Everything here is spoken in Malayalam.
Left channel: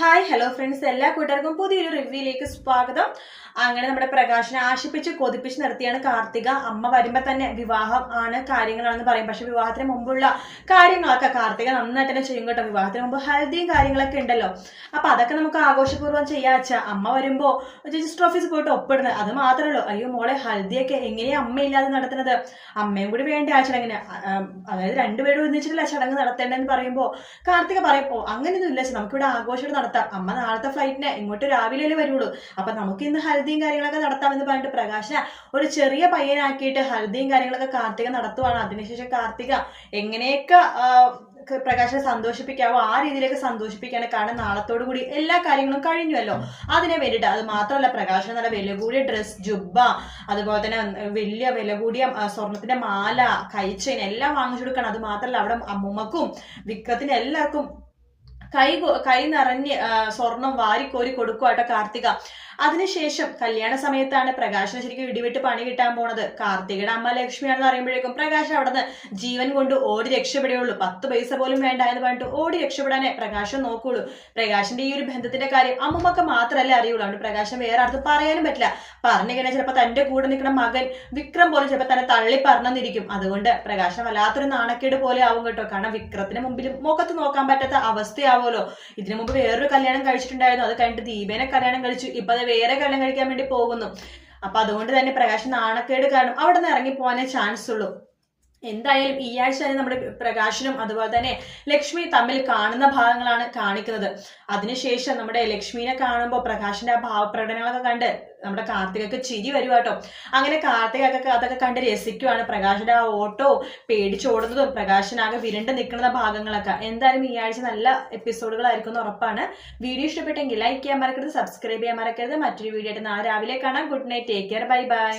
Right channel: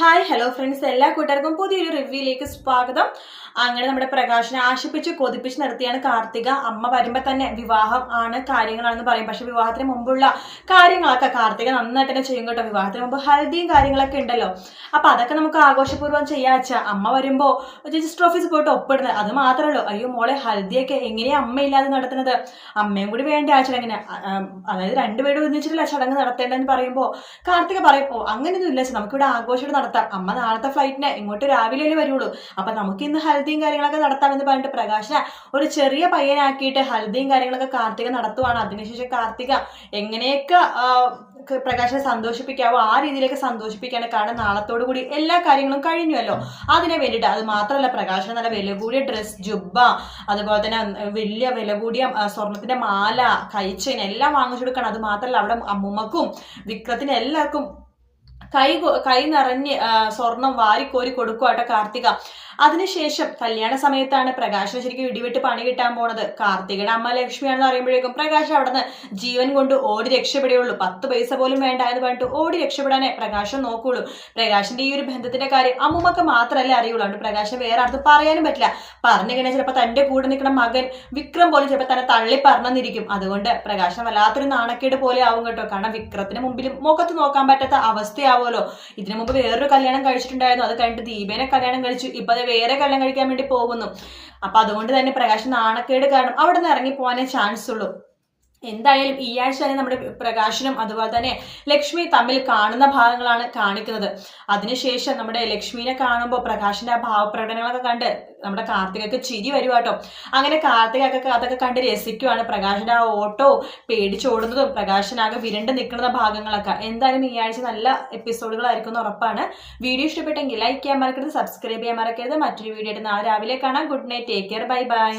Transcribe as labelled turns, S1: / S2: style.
S1: ഹായ് ഹലോ ഫ്രണ്ട്സ് എല്ലാ കൂട്ടുകാർക്കും പുതിയൊരു റിവ്യൂയിലേക്ക് സ്വാഗതം. അങ്ങനെ നമ്മുടെ പ്രകാശനെ ആശിപ്പിച്ച് കൊതിപ്പിച്ച് നിർത്തിയാണ് കാർത്തിക. അമ്മ വരുമ്പോൾ തന്നെ വിവാഹം ആണ് കാര്യങ്ങളാണെന്ന് പറയും. പക്ഷെ വിവാഹത്തിന് മുമ്പുള്ള കാര്യങ്ങളൊക്കെ കാർത്തിക നന്നായിട്ട് തന്നെ ചെയ്യും കേട്ടോ. വിവാഹത്തിന് മുമ്പ് ഹൽദിയും കാര്യങ്ങളൊക്കെ ഉണ്ടല്ലോ. അപ്പം അതൊക്കെ നമുക്ക് ആഘോഷപൂർവം ചെയ്യാച്ച അമ്മ വരുമ്പോൾ രജിസ്റ്റർ ഓഫീസിൽ പോയിട്ട് ഒപ്പിടുന്നത്. അത് മാത്രമല്ലോ അയ്യോ മോളെ ഹൽദിയൊക്കെ എങ്ങനെയാ അമ്മയില്ലാതെ നടത്തുന്നത്? അമ്മയും കൂടി വേണ്ട ആ ചടങ്ങിന്? അതായത് രണ്ടുപേരും ഒന്നിച്ചിട്ടില്ല ചടങ്ങ് നടത്തേണ്ടതെന്ന് പറയുമ്പോൾ കാർത്തിക പറയപ്പോ അങ്ങനെയൊന്നും ഇല്ല നമുക്കിവിടെ ആഘോഷം നടത്താം. അമ്മ നാളത്തെ ഫ്ലൈറ്റിന് ഇങ്ങോട്ട് രാവിലെ വരുള്ളൂ. അപ്പൊ നമുക്ക് ഇന്ന് ഹൽദിയും കാര്യങ്ങളൊക്കെ നടത്താമെന്ന് പറഞ്ഞിട്ട് പ്രകാശ ഒരു ചെറിയ പയ്യനാക്കിയിട്ട് ഹൽദിയും കാര്യങ്ങളൊക്കെ കാർത്തിക നടത്തുവാണ്. അതിനുശേഷം കാർത്തിക എങ്ങനെയൊക്കെ പ്രകാശനെ സന്തോഷിപ്പിക്കാവോ ആ രീതിയിലേക്ക് സന്തോഷിപ്പിക്കാണ് കാരണം നാളത്തോടു കൂടി എല്ലാ കാര്യങ്ങളും കഴിഞ്ഞുവല്ലോ. അതിനെ വേണ്ടിയിട്ട് അത് മാത്രമല്ല പ്രകാശന നല്ല വില കൂടിയ ഡ്രസ് ജുബ്ബ അതുപോലെ തന്നെ വലിയ വില കൂടിയ സ്വർണത്തിന്റെ മാല കൈച്ചെയിൻ എല്ലാം വാങ്ങിച്ചു കൊടുക്കണം. അത് മാത്രമല്ല അവിടെ അമ്മുമ്മക്കും വിക്രത്തിന് എല്ലാവർക്കും കൈ കൊ- നിറഞ്ഞ് സ്വർണം വാരിക്കോരി കൊടുക്കുവാട്ടോ കാർത്തിക. അതിനുശേഷം കല്യാണ സമയത്താണ് പ്രകാശിന് ശരിക്കും ഇടിവിട്ട് പണി കിട്ടാൻ പോണത്. കാർത്തികയുടെ അമ്മ ലക്ഷ്മിയാണെന്ന് അറിയുമ്പോഴേക്കും പ്രകാശ് അവിടുന്ന് ജീവൻ കൊണ്ട് ഓടി രക്ഷപ്പെടുകയുള്ളൂ. പത്ത് പൈസ പോലും വേണ്ട എന്ന് പറഞ്ഞിട്ട് ഓടി രക്ഷപ്പെടാനേ പ്രകാശം നോക്കുള്ളൂ. പ്രകാശിന്റെ ഈ ഒരു ബന്ധത്തിന്റെ കാര്യം അമ്മുമ്മക്ക് മാത്രമല്ലേ അറിയുള്ളൂ. അതുകൊണ്ട് പ്രകാശം വേറെ അടുത്ത് പറയാനും പറ്റില്ല. പറഞ്ഞു കഴിഞ്ഞാൽ ചിലപ്പോൾ തന്റെ കൂടെ നിൽക്കുന്ന മകൻ വിക്രം പോലും ചിലപ്പോൾ തന്നെ തള്ളി പറഞ്ഞെന്നിരിക്കും അതുകൊണ്ട് പ്രകാശം വല്ലാത്തൊരു നാണക്കേട് പോലെ ആവും കേട്ടോ. കാരണം വിക്രത്തിന് മുമ്പിലും മുഖത്ത് നോക്കാൻ പറ്റാത്ത അവസ്ഥയാവുമല്ലോ ഇതിനു മുമ്പ് വേറൊരു കല്യാണം കഴിച്ചിട്ടുണ്ടായിരുന്നു. അത് കഴിഞ്ഞിട്ട് ദീപേനെ കല്യാണം കഴിച്ചു. ഇപ്പൊ അത് വേറെ കല്യാണം കഴിക്കാൻ വേണ്ടി പോകുന്നു. അപ്പൊ അതുകൊണ്ട് തന്നെ പ്രകാശ് നാണക്കേട് കാരണം അവിടെ നിന്ന് ഇറങ്ങി പോകാനേ ചാൻസ് ഉള്ളൂ. എന്തായാലും ഈ ആഴ്ച തന്നെ നമ്മുടെ പ്രകാശനം അതുപോലെ തന്നെ ലക്ഷ്മി തമ്മിൽ കാണുന്ന ഭാഗങ്ങളാണ് കാണിക്കുന്നത്. അതിനുശേഷം നമ്മുടെ ലക്ഷ്മിനെ കാണുമ്പോൾ പ്രകാശിന്റെ ആ ഭാവപ്രകടനങ്ങളൊക്കെ കണ്ട് നമ്മുടെ കാർത്തികക്ക് ചിരി വരുവാട്ടോ അങ്ങനെ കാർത്തികൊക്കെ അതൊക്കെ കണ്ട് രസിക്കുവാണ് പ്രകാശിന്റെ ആ ഓട്ടോ പേടിച്ചോടുന്നതും പ്രകാശനാകെ വിരണ്ട് നിൽക്കുന്ന ഭാഗങ്ങളൊക്കെ. എന്തായാലും ഈ ആഴ്ച നല്ല എപ്പിസോഡുകളായിരിക്കും എന്ന് ഉറപ്പാണ്. വീഡിയോ ഇഷ്ടപ്പെട്ടെങ്കിൽ ലൈക്ക് ചെയ്യാൻ മറക്കരുത് സബ്സ്ക്രൈബ് ചെയ്യാൻ മറക്കരുത്. മറ്റൊരു വീഡിയോ ആയിട്ട് നാളെ രാവിലെ കാണാം. Good night take care bye bye